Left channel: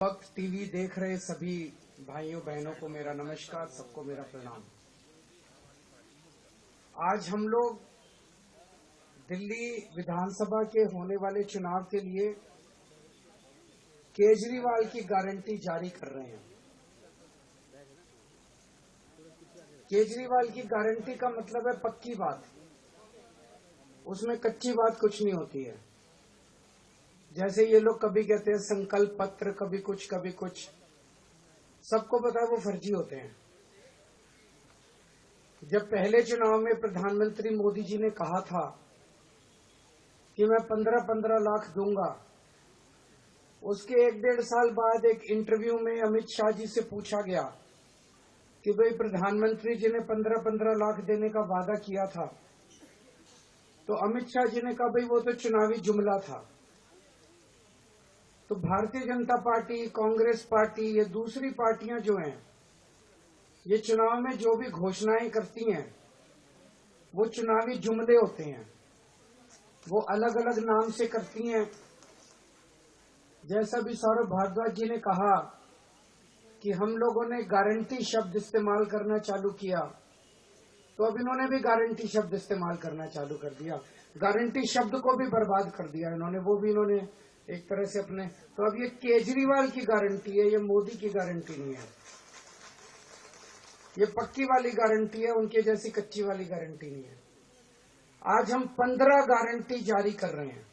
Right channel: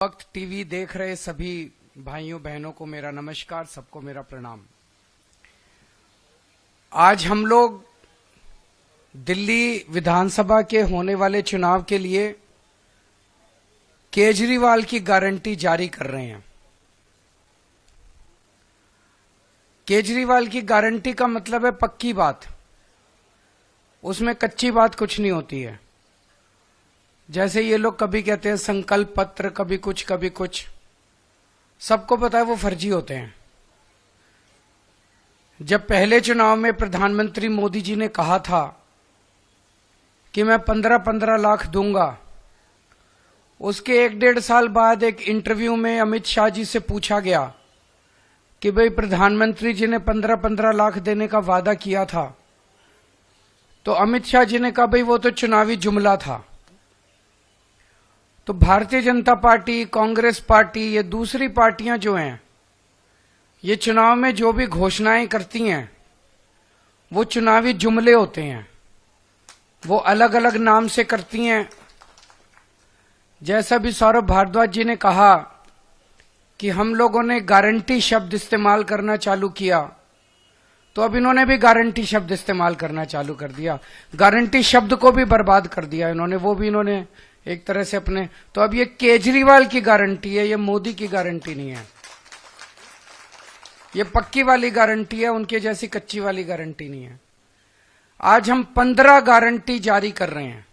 वक्त टीवी देख रहे सभी भाइयों बहनों को मेरा नमस्कार, सबको मेरा प्रणाम। आज हम लोग दिल्ली विधानसभा के होने वाले चुनाव के लिए केजरीवाल की गारंटी जारी कर रहे हैं। केजरीवाल की गारंटी का मतलब है पक्की बात, उसमें कच्ची बात कुछ नहीं होती है। जैसे ये लोग कभी कहते हैं संकल्प पत्र, कभी कुछ, सबको पता है वो फर्जी होते हैं। जब पहले चुनाव में प्रधानमंत्री मोदी जी ने कहा था कि मैं 15-15 लाख दूंगा, उसके 1-1.5 साल बाद एक इंटरव्यू में अमित शाह जी से पूछा गया कि भाई प्रधानमंत्री जी ने 15-15 लाख देने का वादा किया था, तो अमित शाह जी ने कहा भाई वो तो चुनावी जुमला था। तो भारतीय जनता पार्टी, कांग्रेस पार्टी, ये दूसरी पार्टियां जो हैं, ये चुनाव में जो भी घोषणाएं करती हैं वो चुनावी जुमले होते हैं, वो अलग अलग नाम से करती हैं। जैसा भी सौरभ भारद्वाज जी ने कहा कि हम लोगों ने गारंटी शब्द इस्तेमाल करना चालू किया, तो अब इन्होंने भी गारंटी शब्द इस्तेमाल करना चालू कर दिया। गारंटी शब्द को भी बर्बाद कर दिया इन्होंने, वो भी इन्होंने एक तरह से अपने। तो अब ये केजरीवाल की गारंटी है, ये मोदी की गारंटी नहीं है। ये पक्की वाली गारंटी है, उनके जैसी कच्ची वाली गारंटी नहीं है। आज हम 15 गारंटी जारी कर रहे हैं,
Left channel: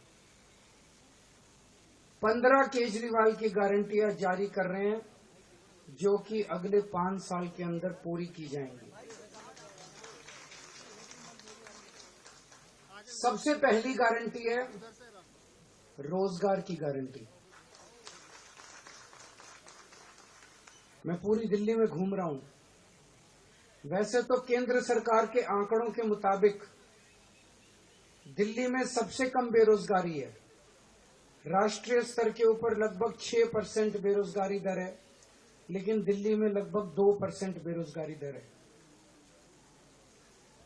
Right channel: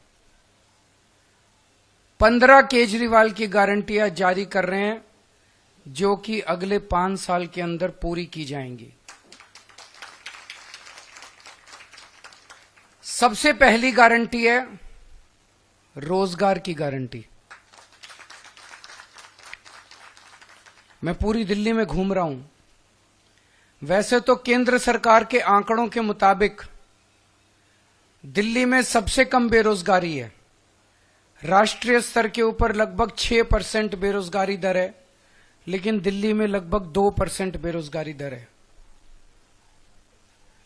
15 केजरीवाल की गारंटियां जारी कर रहे हैं, जो कि अगले 5 साल के अंदर पूरी की जाएंगी। सबसे पहली गारंटी है रोजगार की गारंटी। मैं पूरी दिल्ली में घूम रहा हूं। वैसे तो केंद्र सरकार के आंकड़ों के मुताबिक दिल्ली में सबसे कम बेरोजगारी है। राष्ट्रीय स्तर के ऊपर लगभग 6% बेरोजगारी दर है, लेकिन दिल्ली में लगभग 2% बेरोजगारी दर है।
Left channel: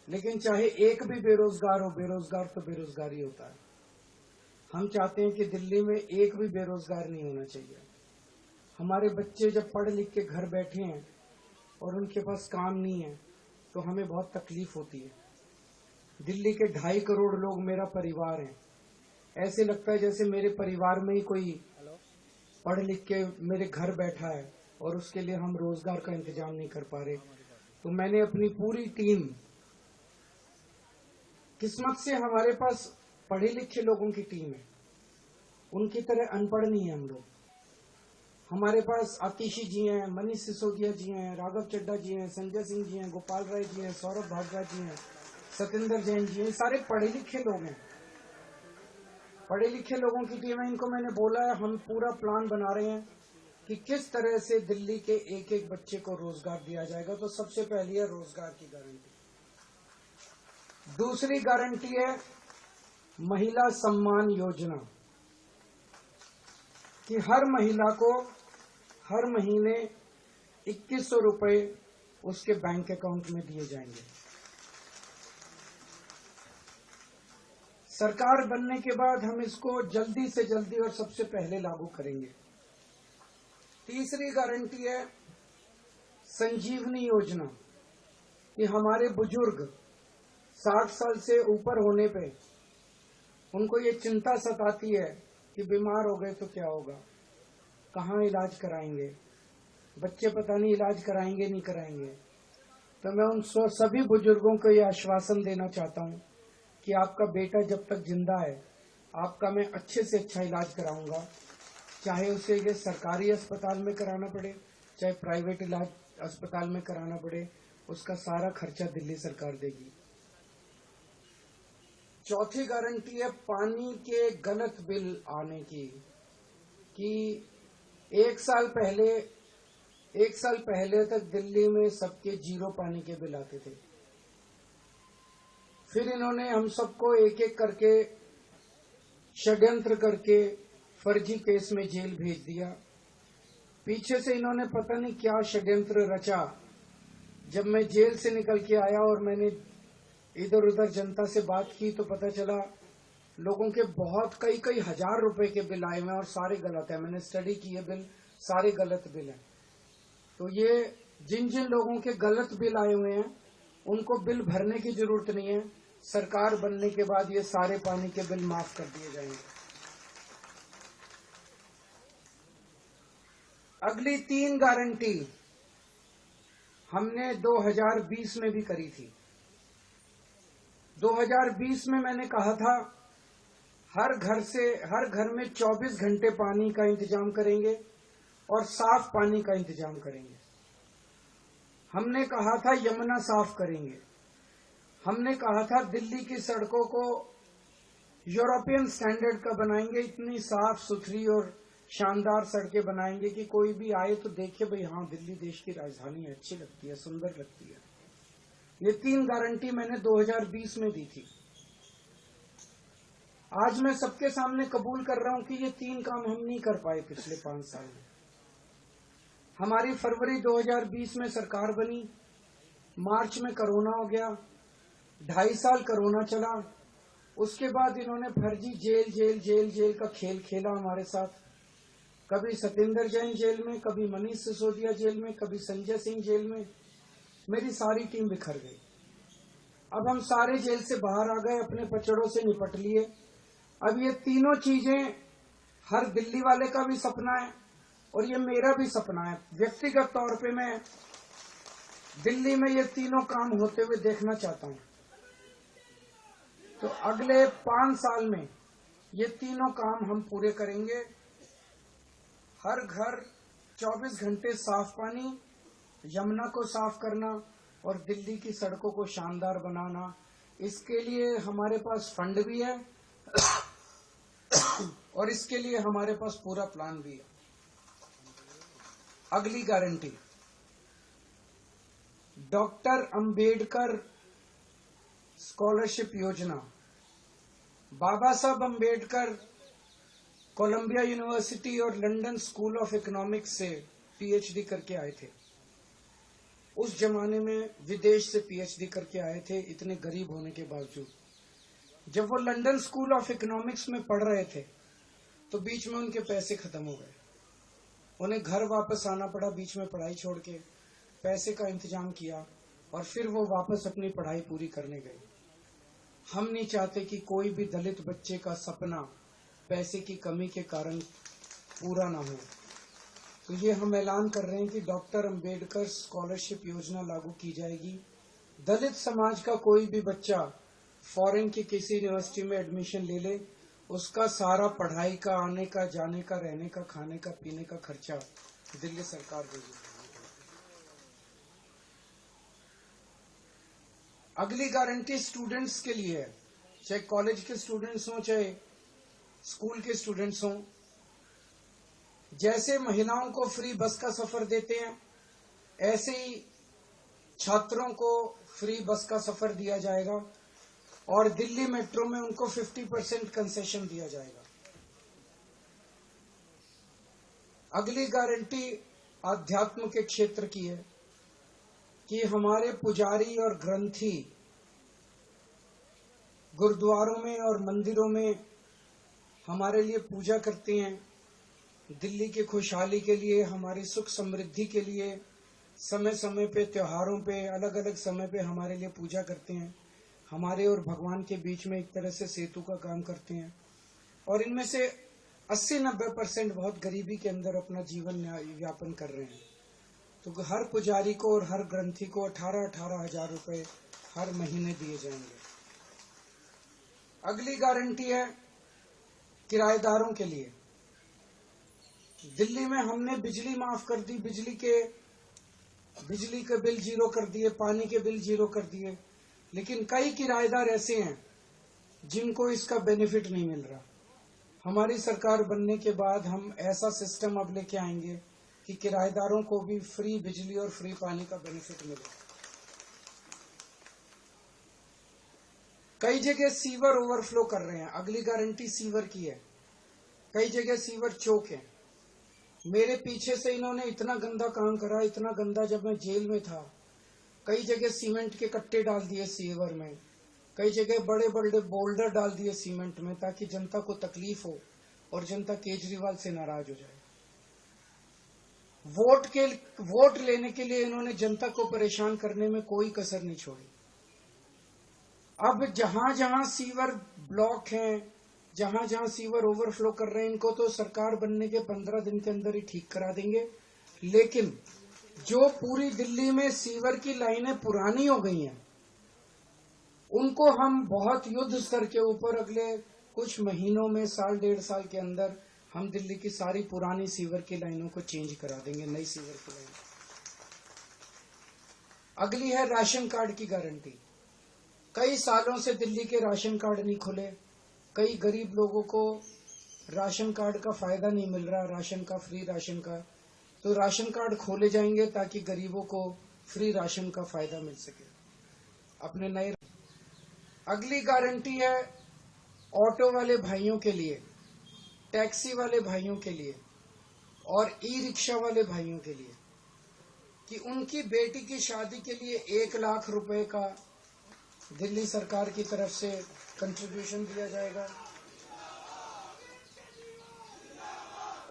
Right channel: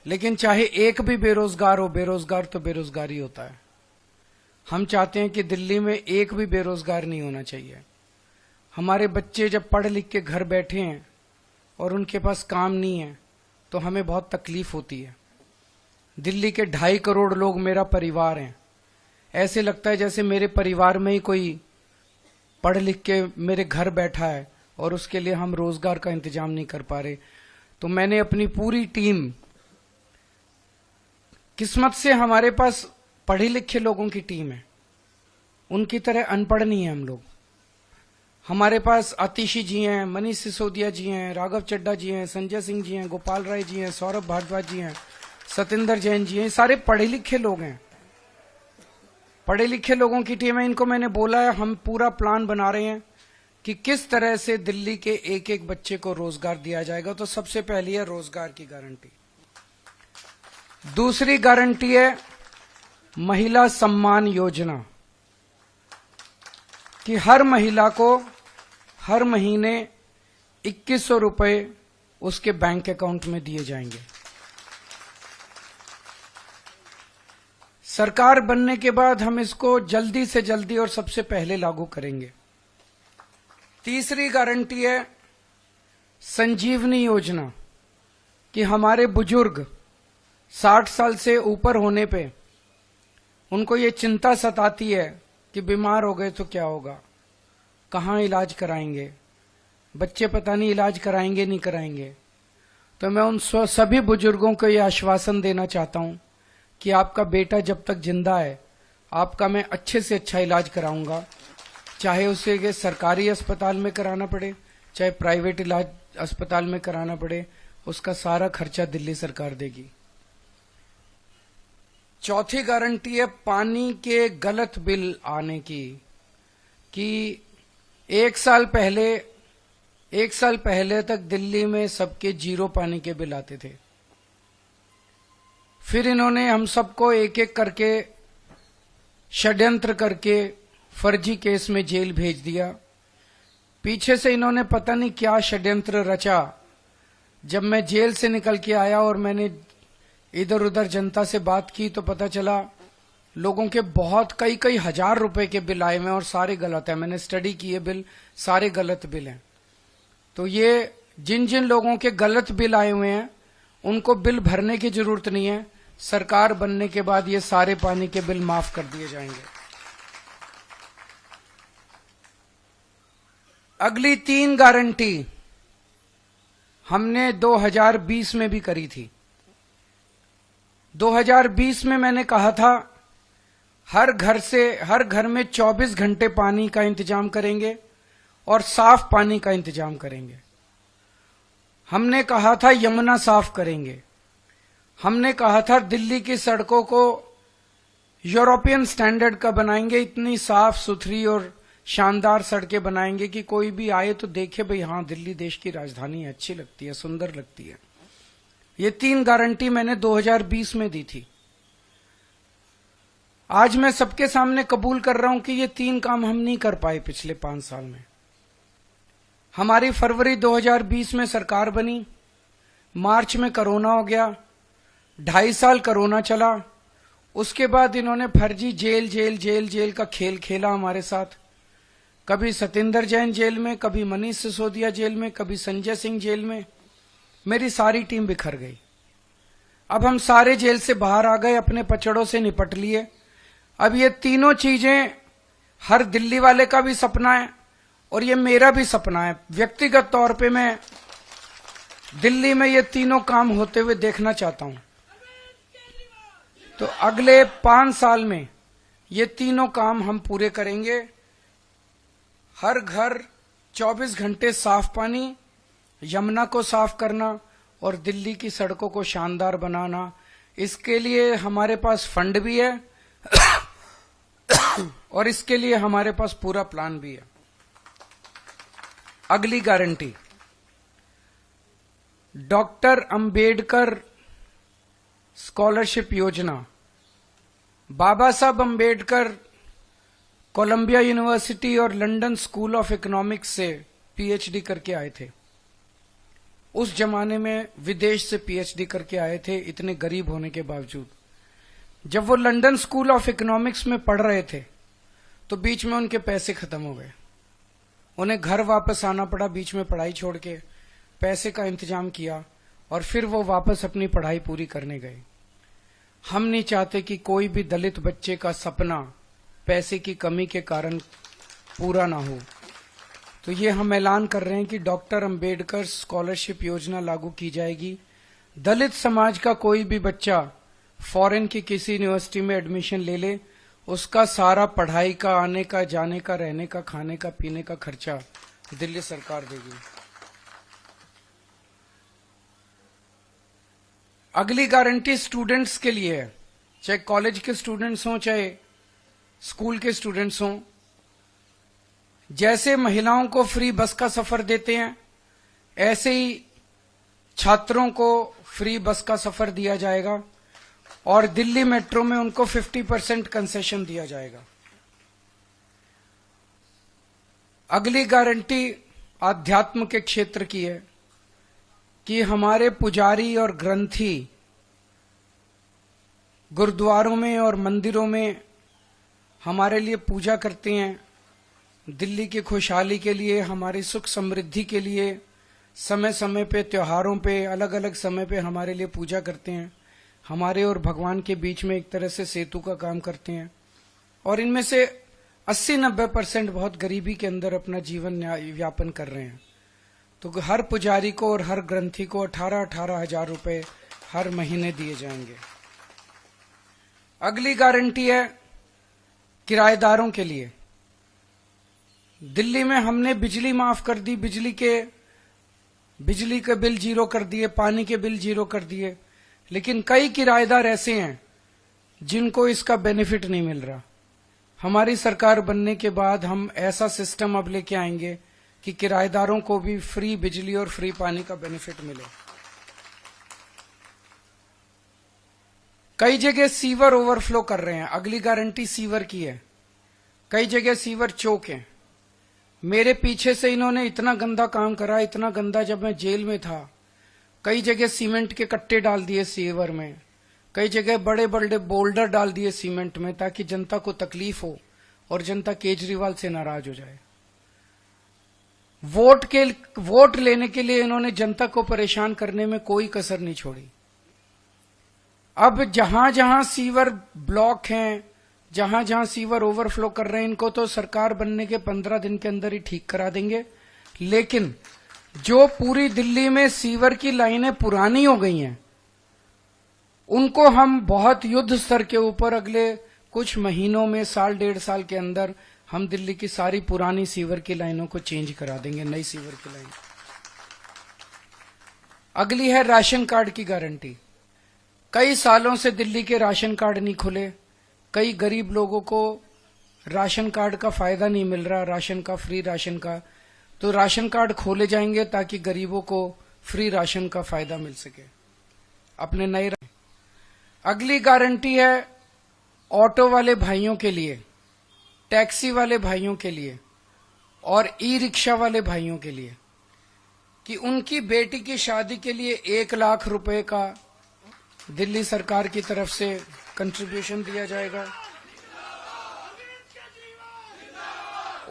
लेकिन चाहे एक भी बेरोजगार हो, बेरोजगार तो बेरोजगारी होता है। हम चाहते हैं कि दिल्ली में एक भी बेरोजगार नहीं होना चाहिए। हमारे बच्चे जब पढ़ लिख के घर बैठे हैं और उनके पास काम नहीं है, तो हमें बहुत तकलीफ होती है। दिल्ली के 2.5 करोड़ लोग मेरा परिवार हैं। ऐसे लगता है जैसे मेरे परिवार में ही कोई पढ़ लिख के मेरे घर बैठा है और उसके लिए हम रोजगार का इंतजाम नहीं कर पा रहे। तो मैंने अपनी पूरी टीम, किस्मत से हमारे पास पढ़े लिखे लोगों की टीम है, उनकी तरह अनपढ़ नहीं है हम लोग। हमारे पास आतिशी जी हैं, मनीष सिसोदिया जी हैं, राघव चड्ढा जी हैं, संजय सिंह जी हैं, गोपाल राय जी हैं, सौरभ भारद्वाज जी हैं, सतेंद्र जैन जी हैं। सारे पढ़े लिखे लोग हैं, पढ़े लिखे लोगों की टीम है। इनको मैंने बोला है, हम पूरा प्लान बना रहे हैं कि किस तरह से दिल्ली के एक एक बच्चे को रोजगार दिया जाएगा। तो सबसे पहली है रोजगार की गारंटी। दूसरी गारंटी है महिला सम्मान योजना, कि हर महिला को हर महीने 2100 रुपए उसके बैंक अकाउंट में दिए जाएंगे। सरकार बनने के बाद हम इसको जल्दी से जल्दी और सबसे पहले लागू करेंगे। तीसरी गारंटी है संजीवनी योजना, कि हमारे बुजुर्ग 60 साल से ऊपर होने पे उनको ये चिंता सताती है कि बीमार हो गए तो क्या होगा, कहाँ इलाज कराएंगे, बच्चे पता नहीं इलाज कराएंगे नहीं कराएंगे। तो मैं उन सभी बुजुर्गों को ये आश्वासन देना चाहता हूँ कि आपका बेटा जब तक जिंदा है, आपका मैं अच्छे से अच्छा इलाज कराऊंगा। चाहे उसे ये सरकारी अस्पताल में कराना पड़े, चाहे प्राइवेट इलाज अस्पताल में कराना पड़े, उसका सारा खर्चा दिल्ली सरकार देगी। चौथी गारंटी है पानी के गलत बिल आने की, कि एक साल पहले तक दिल्ली में सबके 0 पानी के बिल आते थे। फिर इन्होंने हम सबको एक एक करके षड्यंत्र करके फर्जी केस में जेल भेज दिया। पीछे से इन्होंने पता नहीं क्या षड्यंत्र रचा। जब मैं जेल से निकल के आया और मैंने इधर उधर जनता से बात की, तो पता चला लोगों के बहुत कई कई हजार रुपए के बिल आए हुए हैं और सारे गलत हैं। मैंने स्टडी किए बिल, सारे गलत बिल हैं। तो ये जिन जिन लोगों के गलत बिल आए हुए हैं उनको बिल भरने की जरूरत नहीं है। सरकार बनने के बाद ये सारे पानी के बिल माफ कर दिए जाएंगे। अगली 3 गारंटी हमने 2020 में भी करी थी। 2020 में मैंने कहा था हर घर में 24 घंटे पानी का इंतजाम करेंगे और साफ पानी का इंतजाम करेंगे। हमने कहा था यमुना साफ करेंगे। हमने कहा था दिल्ली की सड़कों को यूरोपियन स्टैंडर्ड का बनाएंगे, इतनी साफ सुथरी और शानदार सड़कें बनाएंगे कि कोई भी आए तो देखे भाई हाँ दिल्ली देश की राजधानी है, अच्छी लगती है, सुंदर लगती है। ये 3 गारंटी मैंने 2020 में दी थी। आज मैं सबके सामने कबूल कर रहा हूं कि ये 3 काम हम नहीं कर पाए पिछले 5 साल में। हमारी फरवरी 2020 में सरकार बनी, मार्च में कोरोना हो गया, 2.5 साल कोरोना चला। उसके बाद इन्होंने फर्जी जेल का खेल खेला हमारे साथ। कभी सत्येंद्र जैन जेल में, कभी मनीष सिसोदिया जेल में, कभी संजय सिंह जेल में। मेरी सारी टीम बिखर गई। अब हम सारे जेल से बाहर आ गए, अपने पचड़ों से निपट लिए। अब ये तीनों चीजें हर दिल्ली वाले का भी सपना है और ये मेरा भी सपना है। व्यक्तिगत तौर पे मैं दिल्ली में ये तीनों काम होते हुए देखना चाहता हूं। तो अगले 5 साल में ये तीनों काम हम पूरे करेंगे। हर घर 24 घंटे साफ पानी, यमुना को साफ करना और दिल्ली की सड़कों को शानदार बनाना। इसके लिए हमारे पास फंड भी है और इसके लिए हमारे पास पूरा प्लान भी है। अगली गारंटी, डॉक्टर अंबेडकर स्कॉलरशिप योजना। बाबा साहब अंबेडकर कोलंबिया यूनिवर्सिटी और लंदन स्कूल ऑफ इकोनॉमिक्स से पीएचडी करके आए थे। उस जमाने में विदेश से पीएचडी करके आए थे, इतने गरीब होने के बावजूद। जब वो लंदन स्कूल ऑफ इकोनॉमिक्स में पढ़ रहे थे तो बीच में उनके पैसे खत्म हो गए। उन्हें घर वापस आना पड़ा, बीच में पढ़ाई छोड़ के। पैसे का इंतजाम किया और फिर वो वापस अपनी पढ़ाई पूरी करने गए। हम नहीं चाहते कि कोई भी दलित बच्चे का सपना पैसे की कमी के कारण पूरा ना हो। तो ये हम ऐलान कर रहे हैं कि डॉक्टर अंबेडकर स्कॉलरशिप योजना लागू की जाएगी। दलित समाज का कोई भी बच्चा फॉरेन की किसी यूनिवर्सिटी में एडमिशन ले ले, उसका सारा पढ़ाई का, आने का, जाने का, रहने का, खाने का, पीने का खर्चा दिल्ली सरकार देगी। अगली गारंटी स्टूडेंट्स के लिए है, चाहे कॉलेज के स्टूडेंट्स हों चाहे स्कूल के स्टूडेंट्स हों। जैसे महिलाओं को फ्री बस का सफर देते हैं, ऐसे ही छात्रों को फ्री बस का सफर दिया जाएगा और दिल्ली मेट्रो में उनको 50% कंसेशन दिया जाएगा। अगली गारंटी आध्यात्म के क्षेत्र की है कि हमारे पुजारी और ग्रंथी गुरुद्वारों में और मंदिरों में हमारे लिए पूजा करते हैं। दिल्ली की खुशहाली के लिए, हमारी सुख समृद्धि के लिए समय समय पे, त्योहारों पे, अलग अलग समय पे हमारे लिए पूजा करते हैं। हमारे और भगवान के बीच में एक तरह से सेतु का काम करते हैं। और इनमें से 80-90% बहुत गरीबी के अंदर अपना जीवन यापन कर रहे हैं। तो हर पुजारी को और हर ग्रंथी को 18-18 हजार रुपए हर महीने दिए जाएंगे। अगली गारंटी है किराएदारों के लिए। दिल्ली में हमने बिजली माफ कर दी, बिजली के बिल जीरो कर दिए, पानी के बिल जीरो कर दिए। लेकिन कई किराएदार ऐसे हैं जिनको इसका बेनिफिट नहीं मिल रहा। हमारी सरकार बनने के बाद हम ऐसा सिस्टम अब लेके आएंगे कि किराएदारों को भी फ्री बिजली और फ्री पानी का बेनिफिट मिले। कई जगह सीवर ओवरफ्लो कर रहे हैं, अगली गारंटी सीवर की है। कई जगह सीवर चौक हैं। मेरे पीछे से इन्होंने इतना गंदा काम करा, इतना गंदा, जब मैं जेल में था कई जगह सीमेंट के कट्टे डाल दिए सीवर में, कई जगह बड़े बड़े बोल्डर डाल दिए सीमेंट में ताकि जनता को तकलीफ हो और जनता केजरीवाल से नाराज हो जाए। वोट लेने के लिए इन्होंने जनता को परेशान करने में कोई कसर नहीं छोड़ी। अब जहां जहां सीवर ब्लॉक हैं, जहां जहां सीवर ओवरफ्लो कर रहे हैं, इनको तो सरकार बनने के 15 दिन के अंदर ही ठीक करा देंगे। लेकिन जो पूरी दिल्ली में सीवर की लाइनें पुरानी हो गई हैं, उनको हम बहुत युद्ध स्तर के ऊपर अगले कुछ महीनों में, साल 1.5 साल के अंदर हम दिल्ली की सारी पुरानी सीवर की लाइनों को चेंज करा देंगे, नई सीवर की लाइन। अगली है राशन कार्ड की गारंटी। कई सालों से दिल्ली के राशन कार्ड नहीं खुले, कई गरीब लोगों को राशन कार्ड का फायदा नहीं मिल रहा, राशन का, फ्री राशन का। तो राशन कार्ड खोले जाएंगे ताकि गरीबों को फ्री राशन का फायदा मिल सके अपने नए। अगली गारंटी है ऑटो वाले भाइयों के लिए, टैक्सी वाले भाइयों के लिए और ई रिक्शा वाले भाइयों के लिए कि उनकी बेटी की शादी के लिए 1 लाख रुपए का दिल्ली सरकार की तरफ से कंट्रीब्यूशन दिया जाएगा।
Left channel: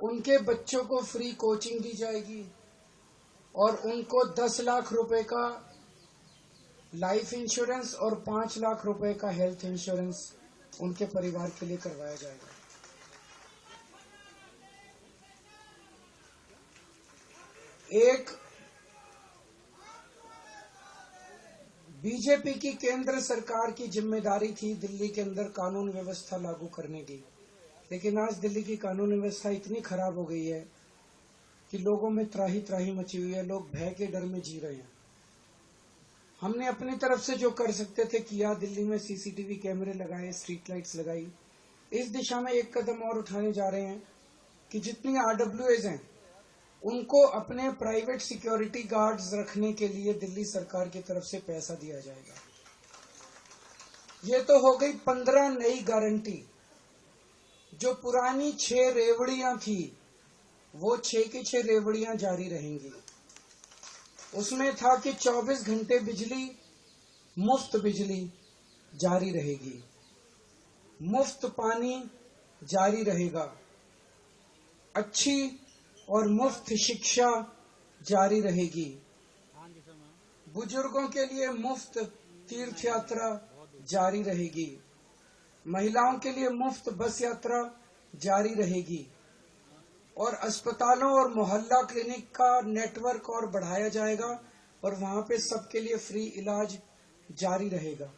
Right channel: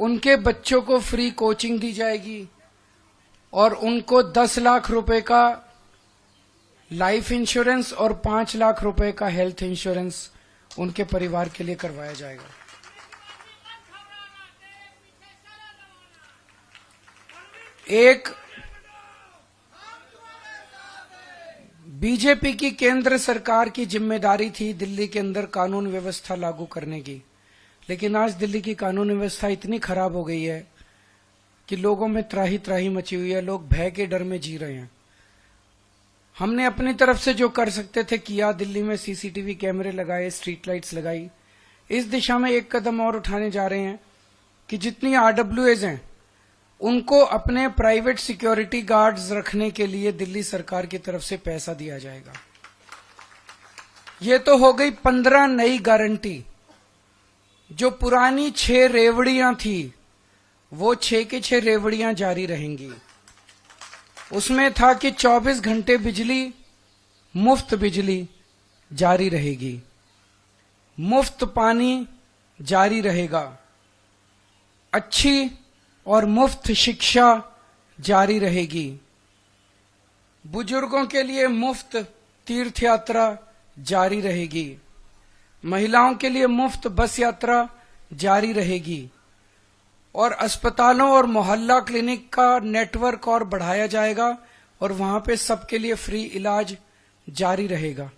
उनके बच्चों को फ्री कोचिंग दी जाएगी और उनको 10 लाख रुपए का लाइफ इंश्योरेंस और 5 लाख रुपए का हेल्थ इंश्योरेंस उनके परिवार के लिए करवाया जाएगा। एक बीजेपी की केंद्र सरकार की जिम्मेदारी थी दिल्ली के अंदर कानून व्यवस्था लागू करने की, लेकिन आज दिल्ली की कानून व्यवस्था इतनी खराब हो गई है कि लोगों में त्राही त्राही मची हुई है, लोग भय के डर में जी रहे हैं। हमने अपनी तरफ से जो कर सकते थे किया, दिल्ली में सीसीटीवी कैमरे लगाए, स्ट्रीट लाइट्स लगाई। इस दिशा में एक कदम और उठाने जा रहे हैं कि जितनी आरडब्ल्यूएज हैं उनको अपने प्राइवेट सिक्योरिटी गार्ड्स रखने के लिए दिल्ली सरकार की तरफ से पैसा दिया जाएगा। ये तो हो गई 15 नई गारंटी। जो पुरानी 6 रेवड़ियां थी वो 6 की 6 रेवड़ियां जारी रहेंगी। उसमें था कि 24 घंटे बिजली, मुफ्त बिजली जारी रहेगी, मुफ्त पानी जारी रहेगा, अच्छी और मुफ्त शिक्षा जारी रहेगी, बुजुर्गों के लिए मुफ्त तीर्थ यात्रा जारी रहेगी, महिलाओं के लिए मुफ्त बस यात्रा जारी रहेगी और अस्पतालों और मोहल्ला क्लिनिक का नेटवर्क और बढ़ाया जाएगा और वहां पे सबके लिए फ्री इलाज जारी रहेगा।